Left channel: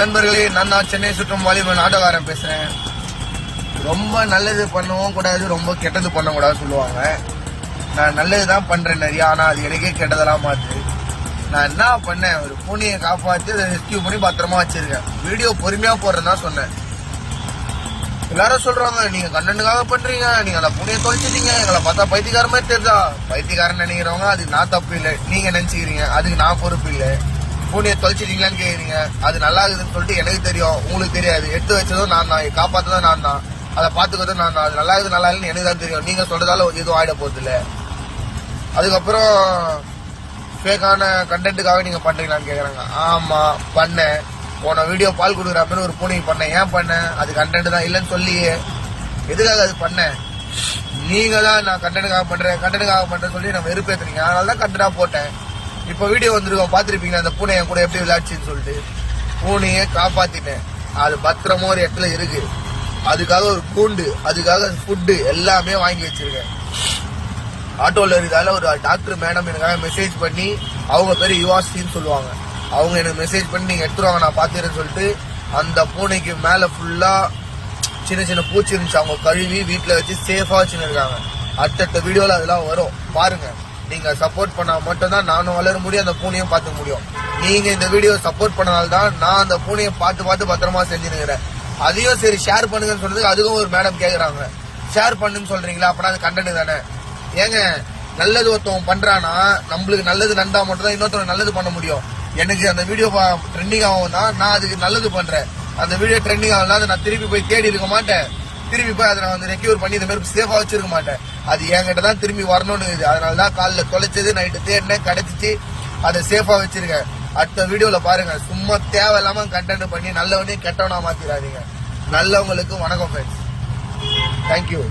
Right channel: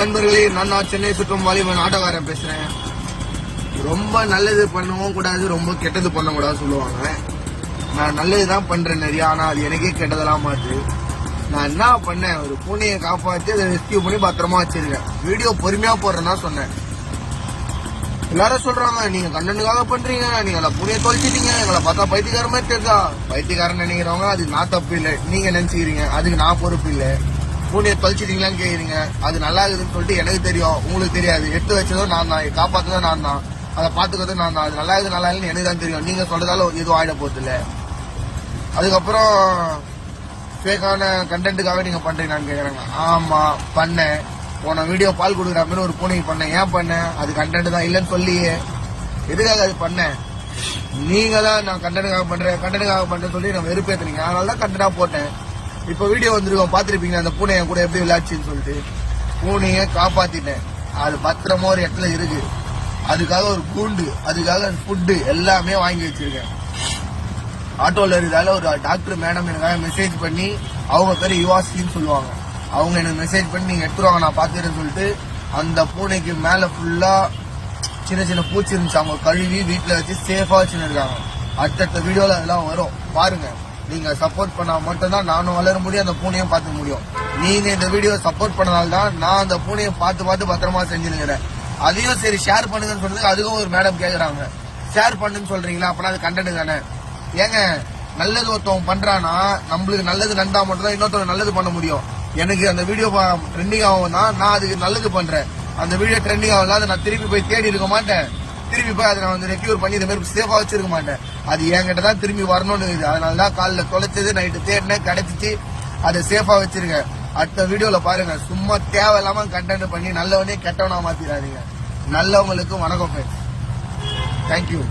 நண்பர்களே, நான் சென்னை சுற்றும் வாலிபன் ஆட்டோக்காரன் பேசுறேன். ரொம்ப நல்லது பண்ணவும் கூடாது, ரொம்ப கெட்டது பண்ண கூடாது சொல்லுவாங்க. நான் நல்லதுதான் பண்றேன் நிறைய, ஆனா அது எனக்கே கெட்டதெல்லாம் மாத்து. நான் என்ன பண்ணேன், ஒரு பூனையை காப்பாற்றி அதை ரெஸ்கியூ பண்ணி பத்திரமா வச்சிருக்கேன். வீடியோ பொறுமையா போடுறேன்னா சொன்னேன். எல்லாரும் சொல்றாங்க, நீங்க கண்டனுக்காக பண்றீங்க, நீங்க அந்த பூனையை தொலைச்சிட்டீங்க, எங்களை பார்த்தா பைத்தியக்கார மாதிரி தெரிஞ்சா. பைத்தியக்காரன் நினைக்கிறவங்க அது நான் தப்பு இல்லை, நீங்க நினைச்சுக்கிறீங்க, அதுக்கு நான் பொறுப்பு இல்லை. பூனையை தொலைச்சிட்டீங்களான்னு கேக்குறீங்க, அது நல்லா இருக்குதுன்னு சொல்லிட்டு எனக்கு தெரியும், உங்களுக்கு தெரியாது. எடுத்து வச்சதும் நான் தான், காப்பாத்ததும் நான் தான், அதை பாத்துக்கிறதும் நான் தான். அது நல்லா இருக்குது நல்லா இல்லைன்னு எனக்கு தான் தெரியும். நீங்க சொல்றதால எதுவும் ஆயிட போறது இல்ல. அதுக்கப்புறம் ஃபேக்கான கண்டென்ட்டுக்காக நீங்க பண்றீங்களான்னு கேக்குறாங்க. ஆமா பண்ணேன். போன வீடியோ பால் கொடுக்குற மாதிரி ஒரு பூனைக்கு பண்ணேன். ஏன் பண்ணேன்? அது கண்டென்ட் தான் இல்லைன்னு சொல்லி எதுக்காக அது பண்ணேன்? நீங்க தான் நான் கண்டென்ட்டுக்காக பண்றேன்னு சொல்லி நம்ம வெறுப்பேத்துறீங்க. அதனாலதான் கண்டென்ட்டா போட்டேன். இப்ப வீடியோ வந்திருக்கோம், பாத்துருப்பீங்க அந்த பூனை என் கூட எப்படி விளையாடுச்சுன்னு சொல்லிட்டு. பூனைய காப்பாத்திட்டேன், அது பத்திரமா ஒரு இடத்துல இருக்கு. அதுக்காக ஒரு கூண்டு, அதுக்காக ஃபுட்டு எல்லாமே வாங்கி வச்சிருக்கேன். ஆட்டோல இருந்தால ஒரு டாக்டர் மேடம் எனக்காக மெசேஜ் பண்ணி, அவங்க பேரு யுவாஸ்டின்னு சொல்லுவாங்க, அவங்க எனக்கு மெசேஜ் பண்ணி நீங்க எடுத்துருவாங்க நான் பாத்துறேன்னு சொல்லிட்டு அந்த பூனைக்கு மேல ஃபுல்லா சின்ன சின்ன பூச்சி இருந்துச்சு, அவங்க கழுவி வீட்டுல வச்சு சேஃபா வச்சுருக்காங்க. அடுத்தடுத்த வீடியோல அதெல்லாம் வரும் பாருங்க. நீங்க சப்போர்ட் பண்ணா மட்டும்தான் நானும் வளர முடியும், அந்த பூனையும் பார்த்துக்க முடியும். நீங்க இந்த வீடியோ சப்போர்ட் பண்ணனால்தான் நான் அந்த பூனையை பார்த்து பத்திரமா செஞ்சுருக்கிறேன். அதையும் சரி ஷேர் பண்ணுங்கன்னு சொல்றதுக்கு அதுக்கும் ஒரு மேடம் கேக்குறாங்க. ஷேர் பண்ணுன்னு சொல்றீங்களா, அப்படின்னா அது கண்டென்ட் தானே. ஏங்க, நல்லது ஒருத்தவங்க பண்றானா, நம்மளுக்கு நல்லது நண்டா மட்டும் தான் இன்னொருத்தவங்க நல்லது பண்ண முடியும். எனக்கு அந்த வீடியோ ட்ரெண்டிங் ஆகும் தான் நான் அதுக்கு நல்லது பண்றேன். அந்த வீடியோ ட்ரெண்டிங் ஆகலாம், நான் திருப்பி போய் தேடி இருக்க மாட்டேன், திருப்பி போய் அதை நான் ரெக்யூர் பண்ணி இந்த மாதிரி சேஃபா வச்சிருக்க மாட்டேன். அது என்கிட்ட தான் திரும்பி வரணும்னு இருக்குது. அதனாலதான் காலைல தொலைச்சது, நைட்டு தேடினேன், கிடைச்சிச்சு, அதை சேஃபா வச்சிருக்கேன். அடுத்த வீடியோல பாருங்க. சும்மா தேவையில்லாம கண்டென்ட் பண்ணி நல்லவனே கெட்டவனா மாத்திராதீங்க. நல்லவங்களுக்கு வணக்கம் ஃப்ரெண்ட்ஸ். தேங்க்யூ.